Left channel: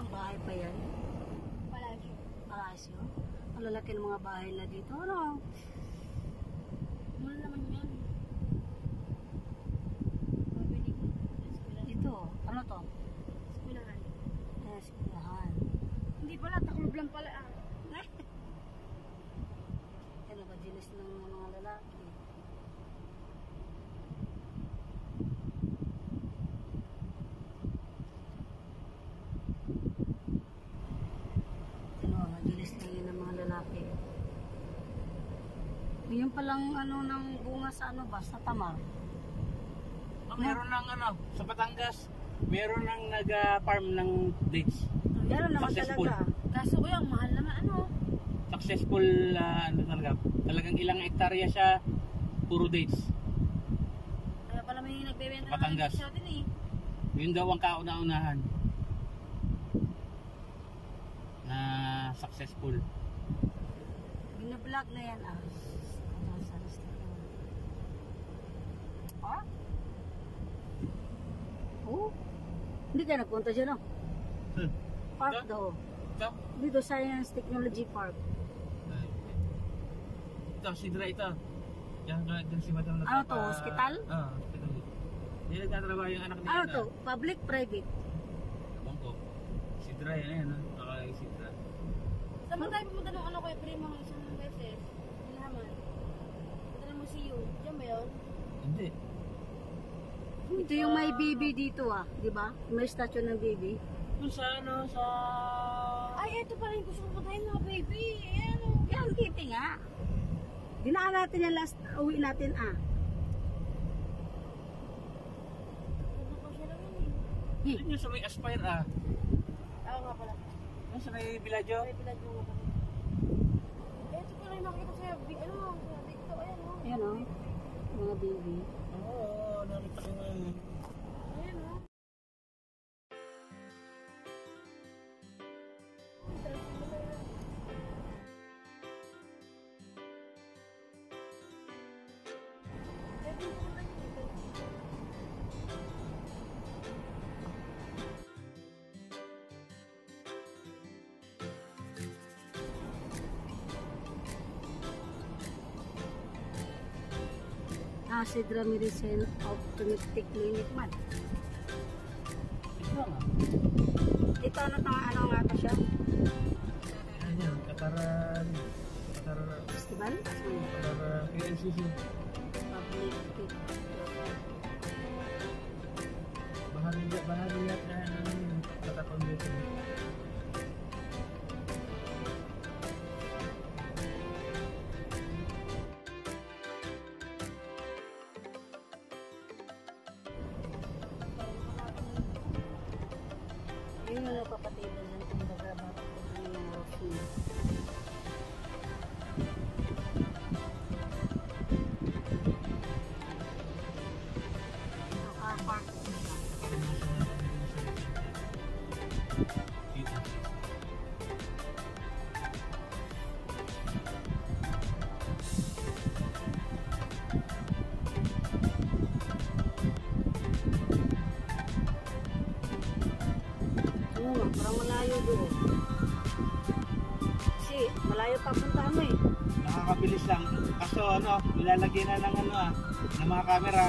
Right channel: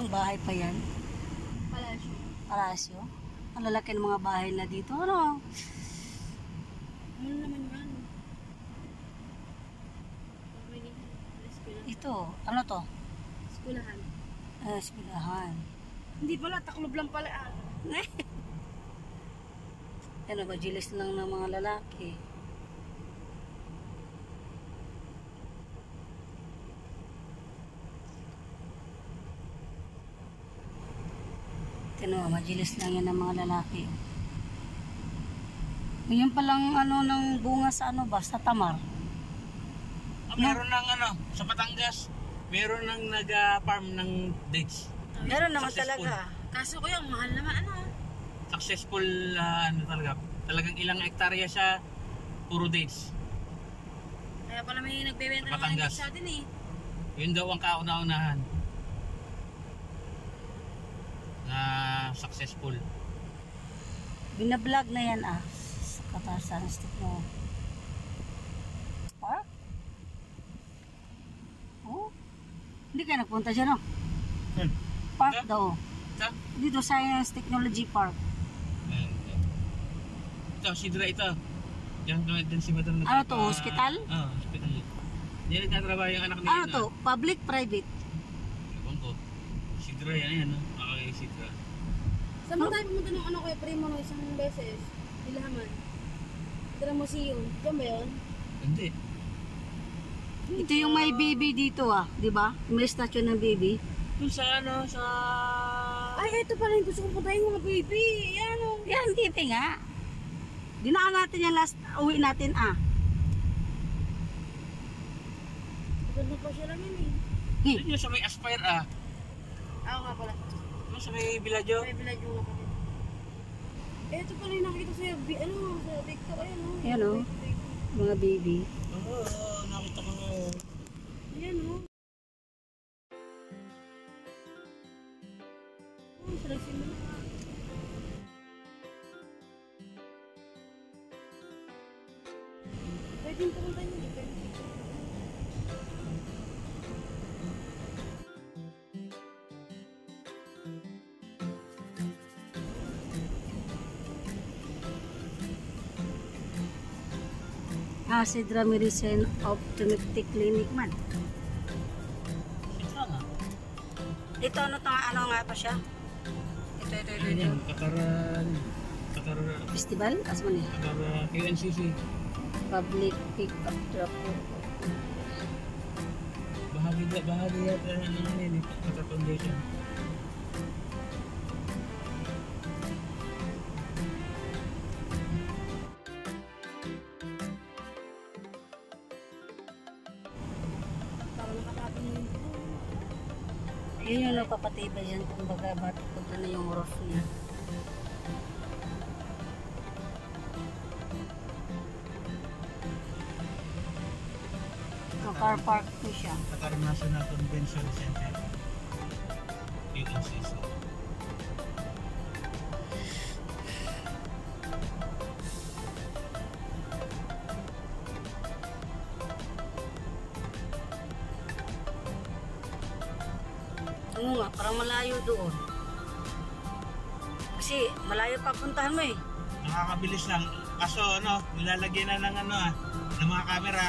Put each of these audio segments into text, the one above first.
Parang bahay pa yan. Palasyo. Palasyo. Ang lalaki ng mga bahay na dito. Ano? Mall naman yan. Ito. Ano to? Skulahan. Skulahan. Hindi pala, taklob lang pala. Ano ba? Jilis lang ng mga lalaki. Ano, majilis lang yan ng mga lalaki. Yung palang ano ng bunga sa ano ba? Sa Tamar. Meron ng ano, sa Batangas. Meron ng nag-farm ng dates. Meron naman Successful. talaga. Kaso ko yung mahal naman ano. Successful ano talaga. Talagang ilang hektarya siya, puro dates. Kaya pala may nagbebenta ng Batangas. sa atin eh. Yun daw ang kauna-unahan. Na successful. Binablog na yan Katarsan stick mo. Park? Oh? Hindi ka nagpunta dyan Park Ito? daw. Ito? Dito Science Technology Park. Ito, Sidra ito. Diyan si Madam Ano to? Hospital? Hospital. Diyan nagtatrabaho yung anak niya. Ano to? Public, private? Ewan ko. Sidra yan Okay, Sidra. Saan mo tayo pumunta nung ano kay Primo nung isang beses? Ilahaman. Tira mo si yun. Diyan ba yun? Hindi. Ito yung may baby dito di ba? May statue ng baby. Doon sa ano, sa... Ay, ito pala yung gusto ko puntahin mga baby. Yan Yan, baby nga. Dinaan natin yan last uwi natin Ganda pa siya lang yan Doon yung sa may Aspire Ako nga pala. Doon sa may Villaggio. May village yung nga pala. Ito pala yung nakikita sa sa TikTok. Ayan mga baby. Nakita ko na yun. Ayan sarap simula. Pwede yung pumunta nyo. Sidra Medicine Optometric Clinic man. Sidra nga. Ito ano nga pa siya? Ito. Yan, Katara Festival? Asman Katara QNCC. Public Pick Up Drop. Bahagi yata ng Katara Foundation. Yun yung napapatibay dyan kung baga ba't na yung roof niya. Car park ko siya. Qatar National Convention Center. UNCC. Oo nga, parang malayo doon. Kasi malayo papuntahan mo Nakakabilis lang. Kaso nilalagyan na ng ng mga camera.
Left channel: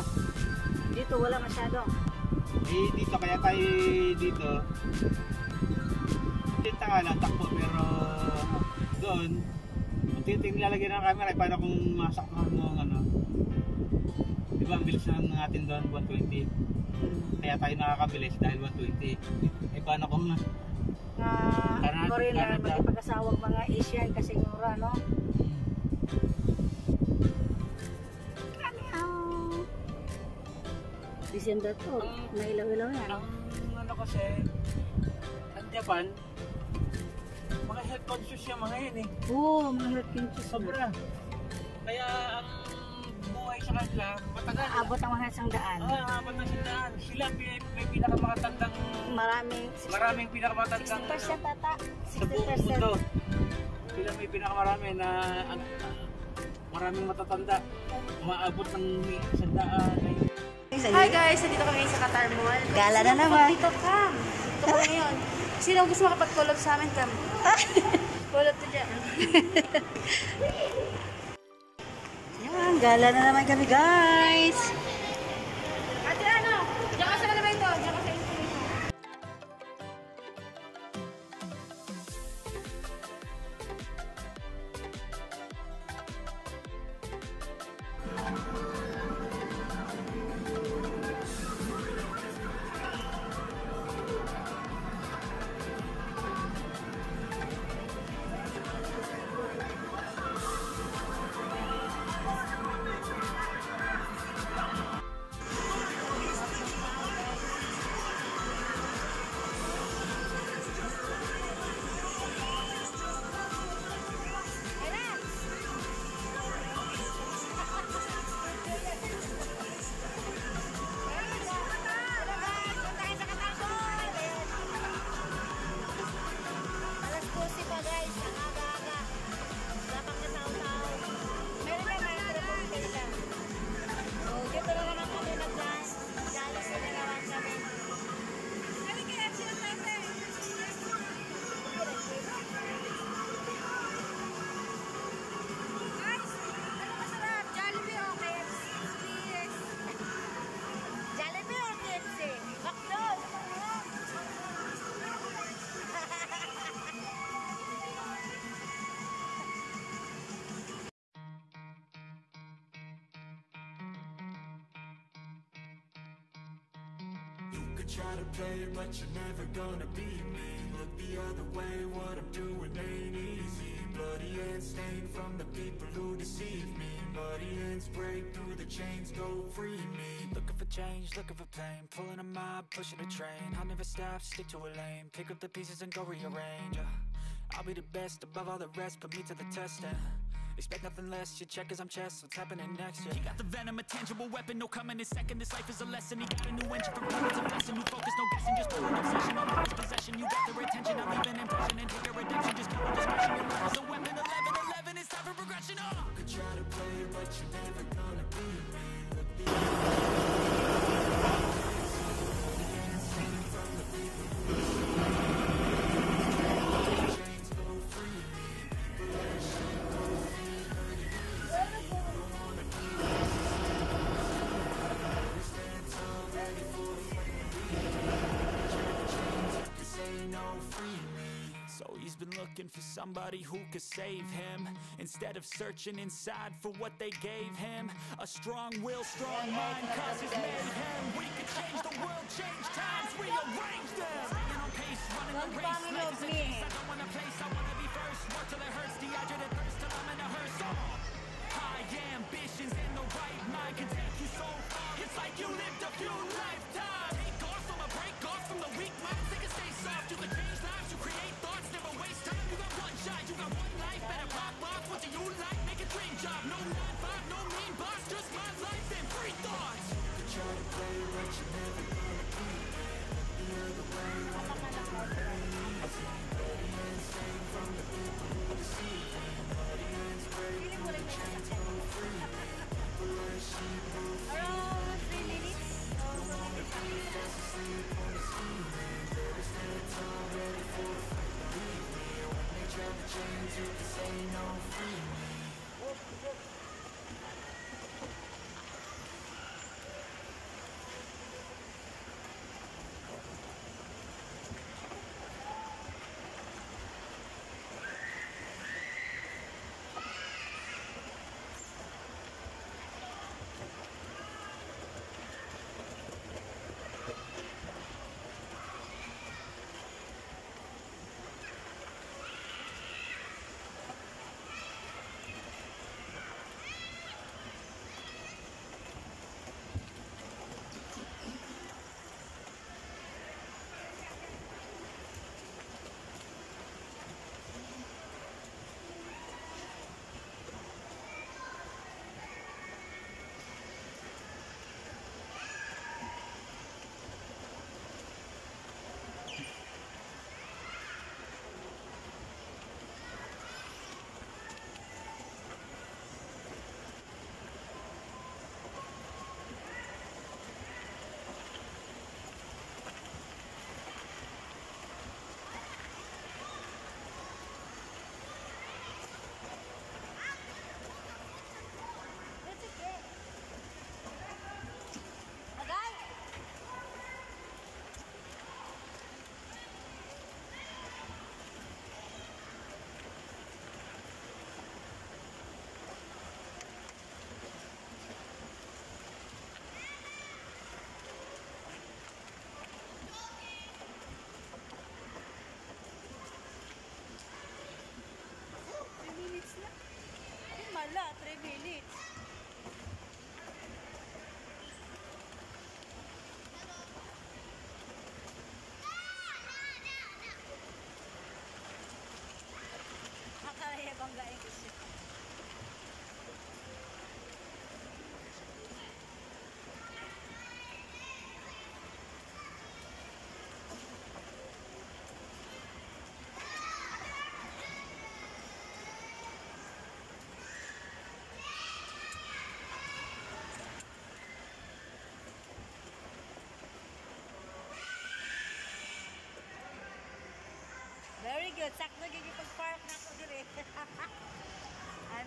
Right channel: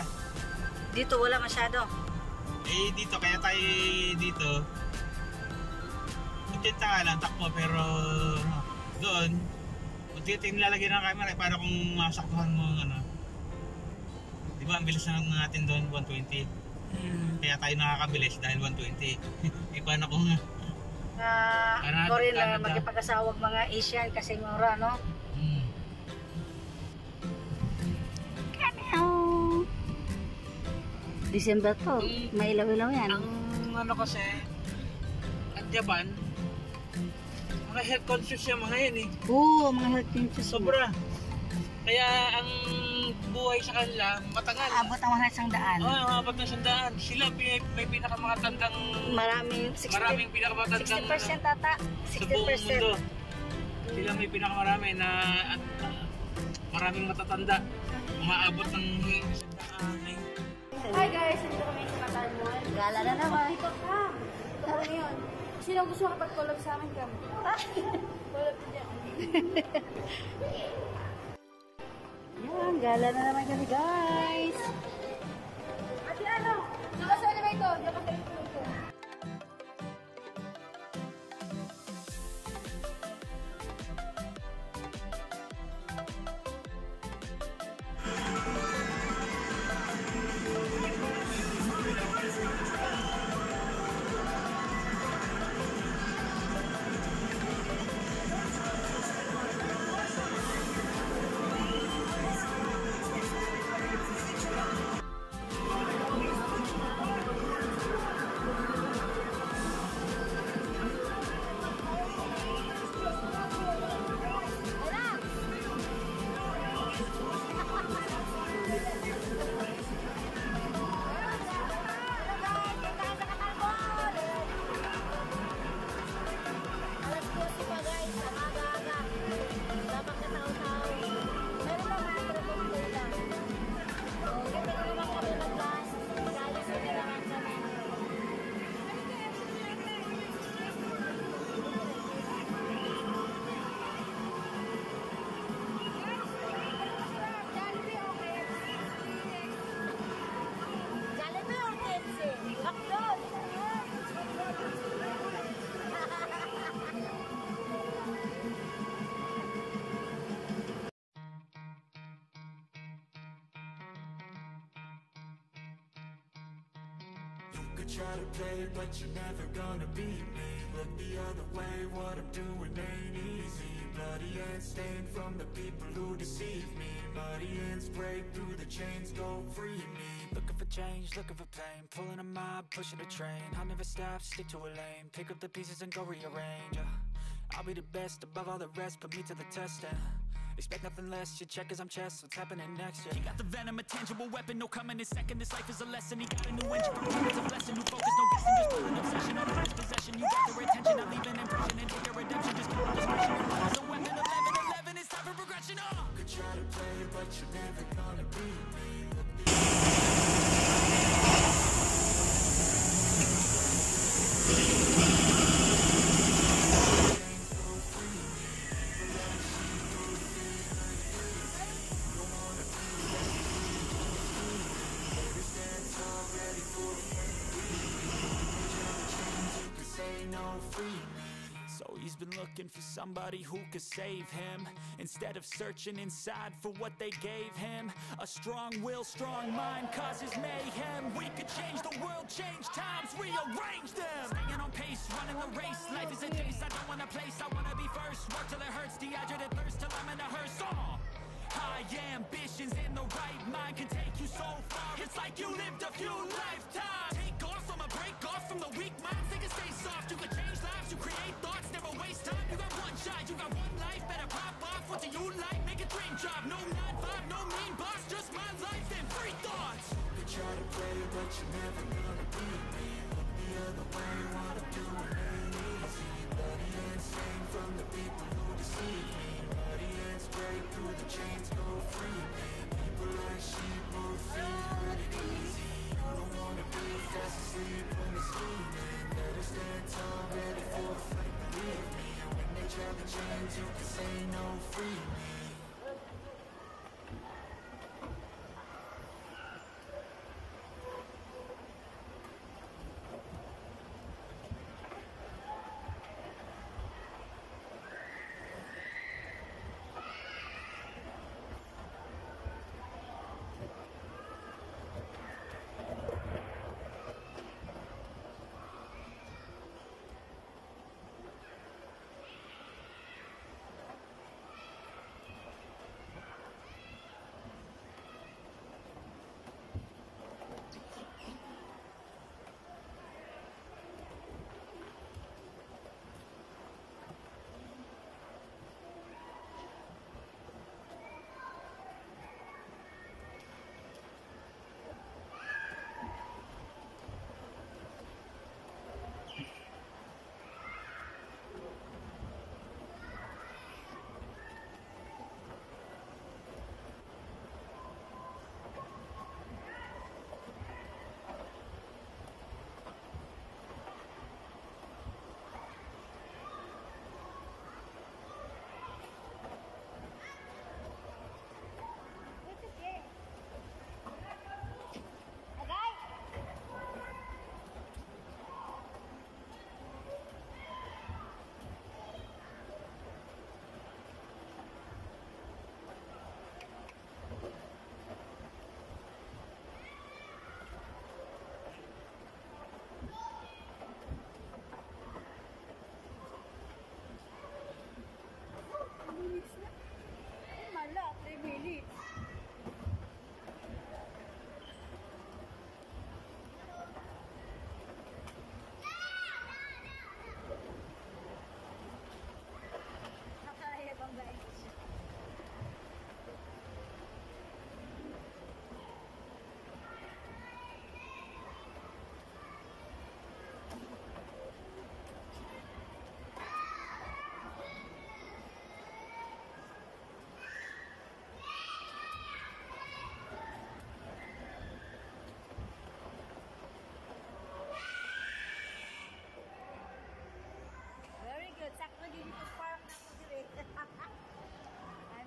Dito wala masyado. Dito kaya tayo dito. Punta nga lang takbo pero doon unti-unti nilalagyan ng camera para kung masaktuhan mo diba ang bilis ng natin doon 120. Kaya tayo nakakabilis dahil 120. Paano kung Ako rin magkipag-asawag mga Asian kasi mura December to, may ilaw-ilaw yan. Ang kasi, ang Japan, mga health conscious yung mga yan Oo, mga health conscious. Sobra. Kaya ang buhay sa kanila, matagal. Abot ang 100. Abot ng 100. Sila may pinakamakatandang... Maraming pinakamakatandang... 60% ata. 60%. Sa buong mundo. Sila may pinakamarami na... maraming matatanda. Umaabot ng 100. Hi guys, nandito kami sa Qatar Mall. Gala na naman. Dito ka. Dito ka ngayon. Sino gusto makapag-collab sa amin, Kam? Collab to dyan. Yan, gala na naman kami guys. Ate, ano? Diyan ka sa elevator. Diyan ka sa elevator. Could try to play, but you're never gonna beat me. Look the other way, what I'm doing ain't easy. Bloody hands stained from the people who deceive me. Muddy hands break through the chains, go free me. Looking for change, looking for pain. Pulling a mob, pushing a train. I'll never stop, stick to a lane. Pick up the pieces and go rearrange. I'll be the best above all the rest, put me to the test and expect nothing less, you check as I'm chess, what's happening next, yeah. He got the venom, a tangible weapon, no coming in second. This life is a lesson, he got a new engine from purpose, a blessing. New focus, no guessing, just pull an obsession on his possession. You got their attention, I'm leaving impression and take your redemption. Just keep on discretion, your mind is a weapon. 11-11, it's time for progression, Could try to play, but you're never gonna beat me. Look the So he's been looking for somebody who could save him, instead of searching inside for what they gave him. A strong will, strong mind causes mayhem. We could change the world, change times, rearrange them. Staying on pace, running the race. Life is a case, I don't want a place, I wanna be first. Work till it hurts, dehydrated thirst till I'm in a hearse. High ambitions in the right mind can take you so far. It's like you lived a few lifetimes. Take off from a break off from the weak minds. They can stay soft, you can change lives, you create thoughts, never waste time. You got one shot, you got one life, better pop off. What do you like? Make a dream job. No 9-5, no mean boss, just my life and free thoughts. You could try to play, but you're never gonna beat me. Look the other way, what I'm doing ain't easy. Bloody hands stained from the people who deceive me. Bloody hands break through the chains, go free me. People like sheep move feet, hurt easy. Don't wanna be fast asleep when they're scheming. Better stand tall, ready for the fight, believe me. When they trap the chains, you can say no, free me.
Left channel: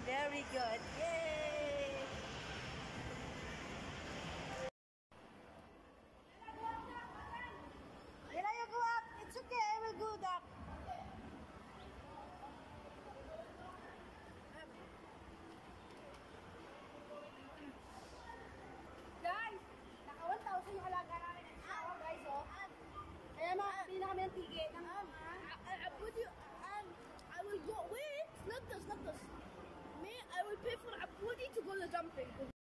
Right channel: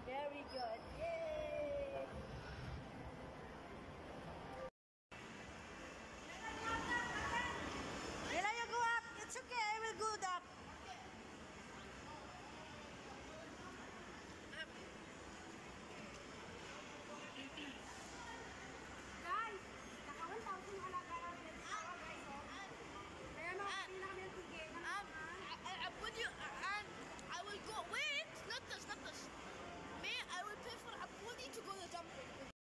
Very good. Yay! Ella, you go up. It's okay. I will go up. Guys, naka 1,000 yung alaga namin ng araw, guys, oh. Kaya no, hindi na kami ng tigil. I will go. Wait, not this. Me, I will pay for Abudi to go to jumping.